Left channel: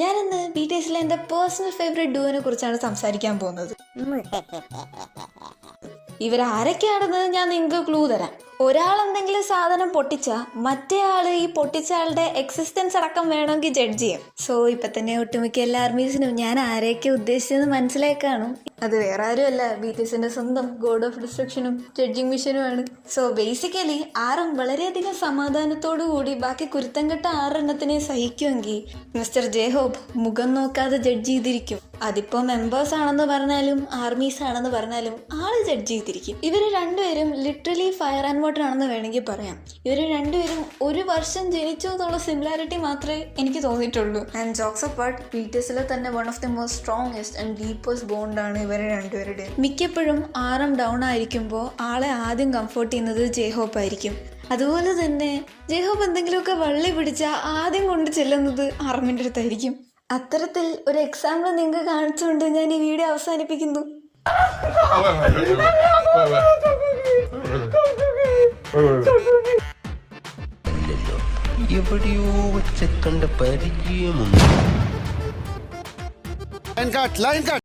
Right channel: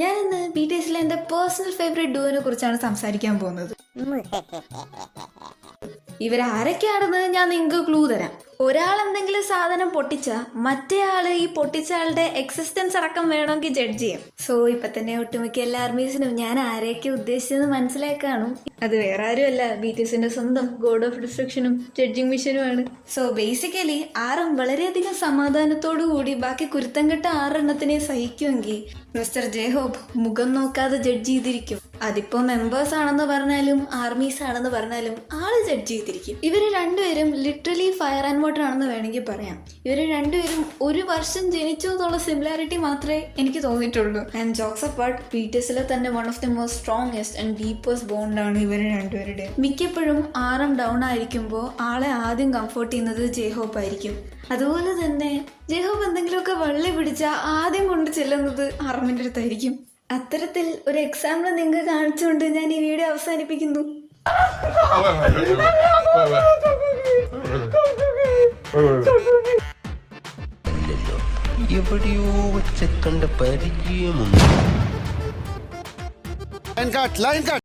ഞാനിന്ന് BTSലെ എൻ്റെ personal favourite ഡുവിനെ കുറിച്ചാണ് സംസാരിക്കാൻ പോകുന്നത്. ഇവരാരൊക്കെയാണെന്ന് ഞാൻ നിങ്ങൾക്ക് ക്ലൂ തരാം. ഒരാൾ എന്തെങ്കിലും സാധനം പൊട്ടിച്ചാൽ മറ്റേ ആള് ഈ പൊട്ടിച്ച ആളുടെ എക്സിസ്റ്റൻസ് അടക്കം വേണമെങ്കിൽ ജഡ്ജ് ചെയ്യാം. സോ ഇപ്പൊ തന്നെ ഒട്ടുമിക്ക എല്ലാ ആർമീസിനും ഞാൻ ആരെയൊക്കെ ഉദ്ദേശിച്ചെന്ന് മനസ്സിലായി കാണും. അത് വേറെ ആരുമല്ല, BTSന്റെ സ്വന്തം ഗോഡ് ഓഫ് ഡിസ്ട്രക്ഷനും ജഡ്ജിങ് മിഷനുമാണ്. സോ ബേസിക്കലി ആറും വളരെയധികം സമാധാനത്തോടു കൂടി ബാക്കി കുരുത്തം കെട്ട 6 എണ്ണത്തിനെ സഹിക്കുമെങ്കിൽ മിസ്റ്റർ ജെഹോബ് മുഖം നോക്കാതെ ജഡ്ജ് ചെയ്തിരിക്കും. അതിപ്പോ മെമ്പേഴ്സ് ആണെന്ന് പറഞ്ഞാലും ആർമീസ് ആണെന്ന് പറഞ്ഞാലും ആള് ജഡ്ജ് ചെയ്തിരിക്കും. ഇവര് രണ്ടുപേരും ലിറ്ററലി ഫയർ ആൻഡ് വാട്ടർ ആണെന്ന് വേണമെങ്കിൽ പറയാം. ഇവര് രണ്ടുപേരും 1 വർഷം ജനിച്ചതുള്ള സിമിലാരിറ്റി മാത്രമേ എനിക്ക് തോന്നിയിട്ടുള്ളൂ. ആൻഡ് ജോക്സ് അപ്പാർട്ട്, BTSലെ തന്നെ one of the most strongest and deepest ബോണ്ടാണ് ഇവരെ രണ്ടുപേരുടെ. മിക്കപ്പോഴും ആറും ഡൗൺ ആയിരിക്കുമ്പോൾ ആളെ ആദ്യം കംഫോർട്ട് ചെയ്യുന്നത് ജെഹോബ് ആയിരിക്കും. അതുപോലെ തന്നെ ജെഹോബ് എന്തെങ്കിലുമൊക്കെ വള്ളി പിടിച്ചാൽ ആദ്യം കൊണ്ട് ചെല്ലുന്നത് ആർമിന്റെ അടുത്തായിരിക്കും. അത്തരത്തിൽ ഒരു എക്സാമ്പിൾ നിങ്ങൾക്ക് കാണിച്ചുകൊണ്ട് ഞാൻ ഈ വീഡിയോ അവസാനിപ്പിക്കുന്നു. എവിടെയോ വെച്ച് കണ്ട പരിചയമുണ്ട്.